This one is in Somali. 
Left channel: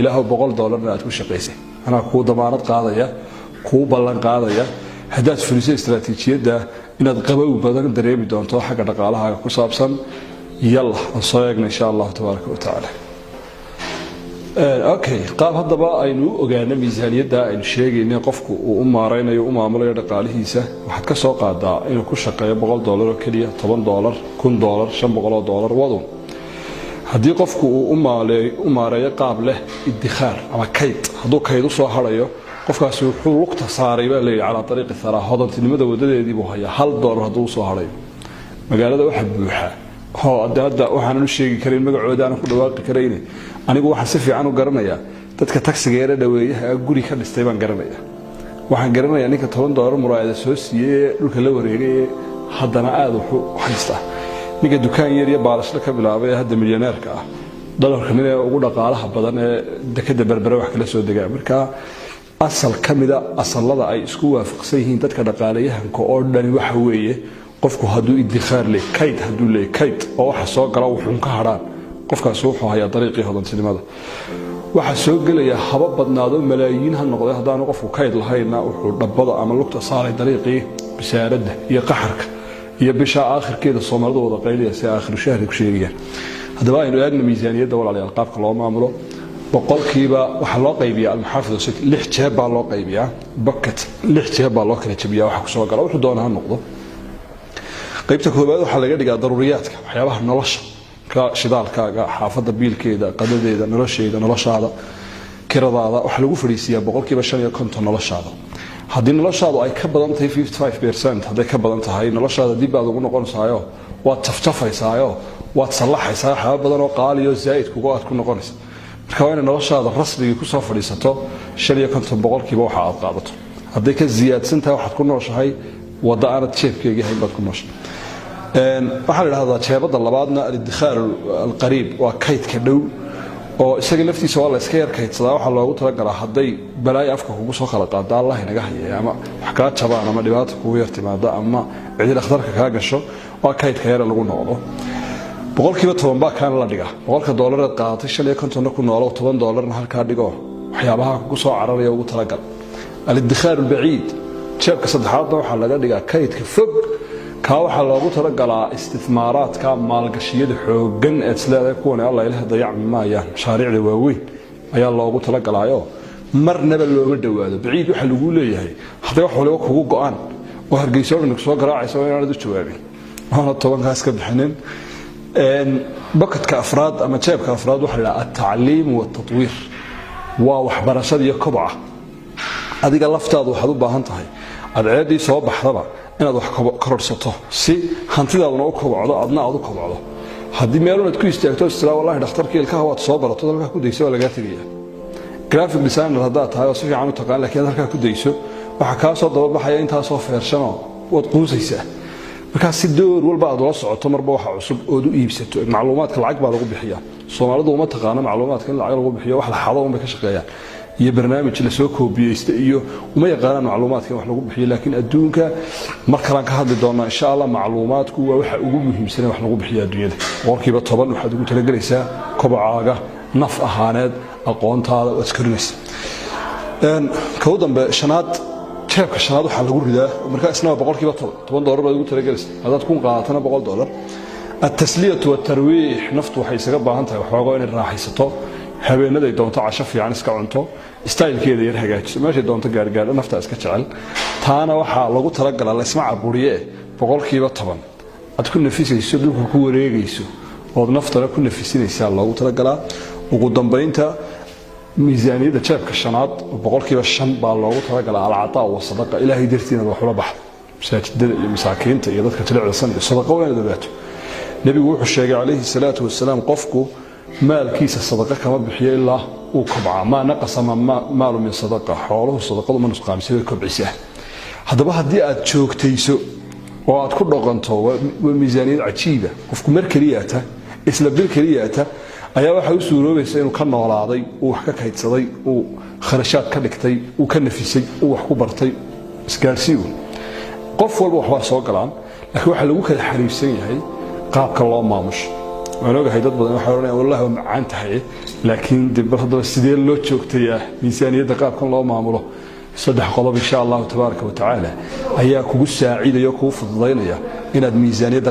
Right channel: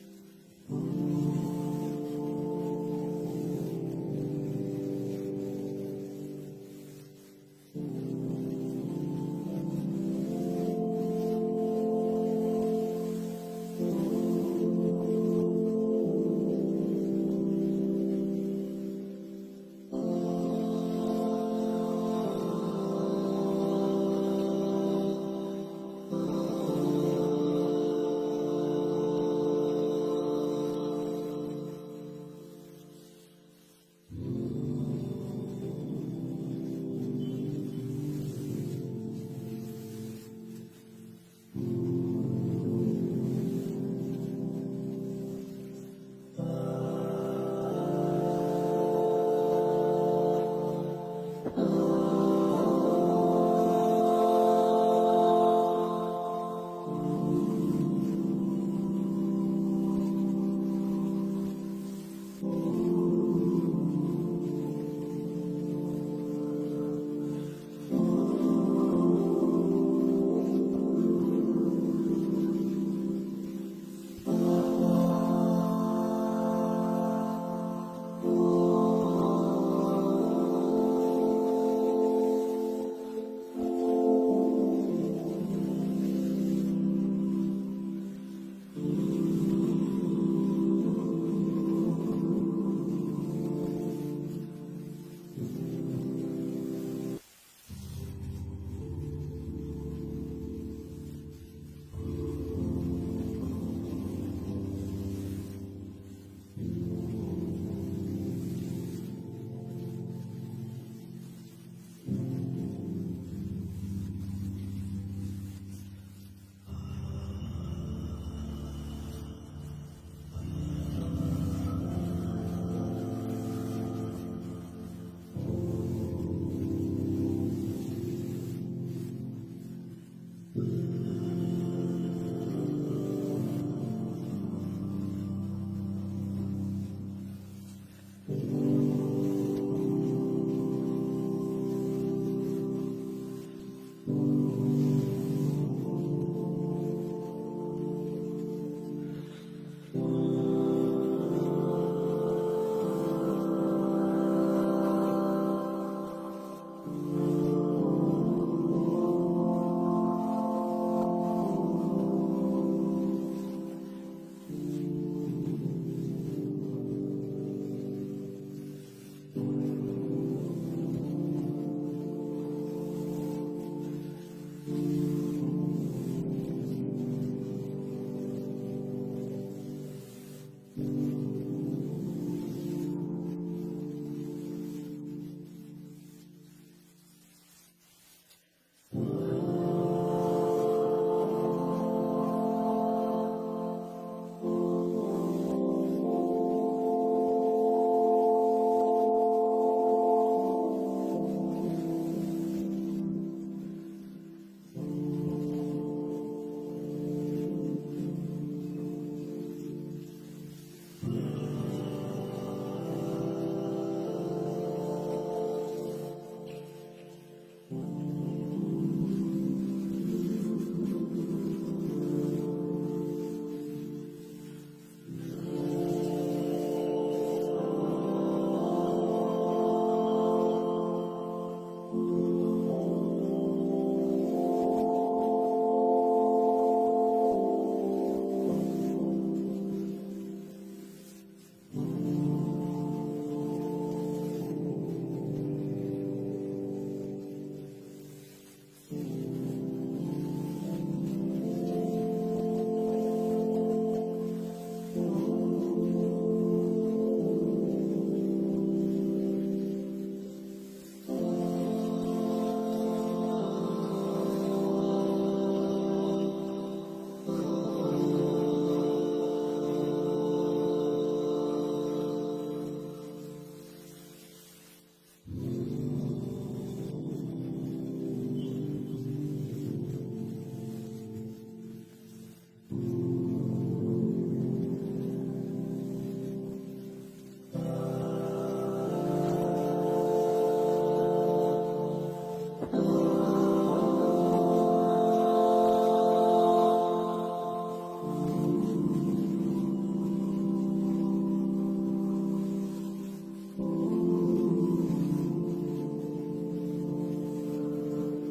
ilaahu $100 aad ku shaqaysay ana ku damaanad qaadaya ku ballan qaadaya hadaad fulisay istaraatiijiyada inaad qabow badan dareemi doonto xagga dhaqaalaha ku saabsan yalla aan soo eegno insha Allah tabaaraka wa taala okay qaab hadaba aynu ogaano miisaaniyada aynu sheegayna qofku uu maareynayo u maamulayo dhaqaalihiisa waxa ka soo qaadaa inuu ku shaqeeyo $100 oo kaliya $10 $1,000 $500 wado haddii qofku uu u maareeyo qaab leh idikhaar ama kayd hadduu kayd u soo harayo qofkaasi wuxuu lugta saaray baa leeyahay ala dariiq thara hodantinimada wadadeedii buu hayaa $1 hadduu soo harayo magaalada waxa buuxa hadda waxaan u sheegi karin magacooda aan ku dhawaaqi karayne anigu waxa si fiican u garanaya dadka taksiga yar dhaweeyaha guri ka dhistay baan garanaya waxaan garanaya ninka $10 muraayada soo siiyay dhulka la wareegay haddana aad wuxuu haystaa ninka dukaan yar iyo baalasho ka bilaabay hadda milyaneerka ah dollarka mid ugu dhaqaalaha badan ee dekada berbera wax kala soo degaa marka asal kamida asalada ay isku waafaqsan yihiin dadka dhaqaalayahanka oo dhan waxa weeye qofku hadduu idikhaar leh kayd hadduu leh kayd oo waxa soo gala wuxuu ka haraan qofkaas wuxuu hayaa dariiqii hodantinimada waxa soo galaya haba badnaado malaayiin ha noqdo hadaan qofku kayd lahayna wuxuu dhabbada ama lugta saaray dariiqii bisaaradda iyo qaxarka iyo bisha aakhirkeeda Soomaalidu wada qayliya si aakhir shahri ku sheegayaan hadaba aynu eegno miisaaniyada walaalayaal qaabka loo maamulo boqolkiiba waxa loo qaybiyaa al-muhaafidh 6 jeeb baa loo qaybiyaa bucket 6 jeeb baa loo kala jabiyaa waxa ku soo gala wuxuu doonaa noqdo qaybta koobaad waxa laga dhigaa daruuriyaadka waxyaabaha nolosha ka shidaalkaaga xaafada biilkeeda qadadeeda noloshaada kiradaada waxa lagu fariisiyaa boqolkiiba 5 noloshaada haddii noloshaadu ay ka badan tahay 55% haday ka badan tahay noloshaada dib aad ugu noqonaysaayo waad taftafaysaayo waad salaxaysaa xaba badan oo qaaliyo zaid kugu aad ku noqonaysaa marka waa in noloshaada rasmiga ku soo fadhiisato 5% waxa aad qaadato haddii ka ziyaadsan tahay waxaad ku nooshahay wada aan jeebkayga haybaad ku nooshahay waxa la yiraahdaa jeebada labaadna al-idikhaar al-qariib waa kaydka dhow oo isaga laftiisa waa la iska yar kaydsadaa waxa loogu talagalay haday balaay afka kugu soo kala qaada Allah inaga hayay ama wax ka jabaan ama dhibaato kugu yar timaada ama cid dhakhtarka ka gasho waa kaydka yar lagu noqdo boqolkiiba 10 baa kan la dhiga $100 aad qaadatay 5 ku noolo $10 halka dhigo waxyaabaha ku soo cararaya ugu talagal al-idikhaar al-baciid jeebka saddexaad waxa laga dhigaa kaydka fog ka waxa loogu talagalaa istismaaraadka maalgashiyada xoogan ee isleedahay kuwan Allah ilaahay dayacmi maayaan shaariicda waaweyn ayaa loogu talagalaayo marnaba looma dhawaado baciid waxa lagu leeyahay haday wax waliba kugu go'an oo hargeyso inuu soo garaacayso inaad u jawaabin waxa 10 kaas ka bixinin bucketka afraad ama jeebka afraad waxa la at-ta'liim wa at-tatwiir waa waxbarashada iyo kobca adiga laftaadu waxaad u baahan tahay adceedii soo baxdaba inaad wax kororsato si hantidaaduna u kobcdo adna aad u kobcdo haddii meel aad ku istaagto isla wallahi dhakhtarka ilkaha waad soo barato dalka ku dayso laga tagaya graphic designer hadda tahay si fiican u taqaan laakiin halka ku dayso waxa ka soo daba baxaya inta soo feershano wad quusaysaa marka si door walba aad la socoto marba waxa cusub oo u iibsato macluumaadka lacag baa lagu bixiyaa Soomaalidu uma taqaano macluumaadka in lacag lagu bixiyo wax la xado uma ka shaqeeyaan iyo barnaamij la soo koobiyeysta iyo uma yaqaan macluumaadka wax lagu bixiyo laakiin adduunka marka aan ka hadli doonaa insha Allah macluumaadku waa waxa ugu muhiimsan wax lagu bixiyo adduunyada boqolkiiba 10 waxaad ugu talagelaysaa kobcaaga naf ahaaneed aqoontaada oo iskarinaysa ka dambe shanaad jeebka shanaad waxa lagu ridaa marka isna boqolkiiba 10 baad ugu talagelaysaa hadaad ku qaatana $100 التسلية والترويح نفط waxay isaga baahan tahay waxooga in raaxaysato habeenaday doonto casho fiican iska cunto style-keeda yar hagaajiso meesha doonto gaar nafta iska jecel taana waxa lagu talagalay la isma caburiye boqolkiiba 10 aad ku nafisayso dhulka ku wareegayso oo naftana ku nafisinaysa loogu talagalaa ugu dambeynta miisaaniyada jeebka shanaad boqolkiiba 5 baa loogu talagalaa al-ataa wa sadaqa ilaahay dartiina wax la baxdo masaajidada iyo masaakiinta iyo dadka jilicsan sadaqa weyn dadaato nabigu wuxuu sheegay calayhi salaatu wasalaam qofku maalkiisa sadaqa kama bixiyo ilaa uu kobca ma naqasa maalu min sadaqa xooluhu sadaqadu ma nusqaamisa way kobcisaa hadaba haddii aad joogtayso oo aad ku dhaqanto miisaaniyad cajiiba qofku mar kaliyaata isla bil kaliyaata ayaa waxa uu suuroobaysa inuu ka noolaaday uu wax ka kaydsaday uu kharashaad ka dhigtay uu ka nafisay uu wax ku bartay isgaarsiiyo qof walba wax soo galaan laakiin waxa lagu kala xariirsan yahay qaabka loo maamusho waan ogahay dad badan waxay oranayaan wallahi waa macaan tahay laakiin dib haddaba sidee loo joogtayaa miisaaniyadda qaabkan loo maamulo saddex qodob insha Allah tabaaraka wa tacaala ayaa kugu saaciidayo kugu fududaynaya inaad miisaaniyadda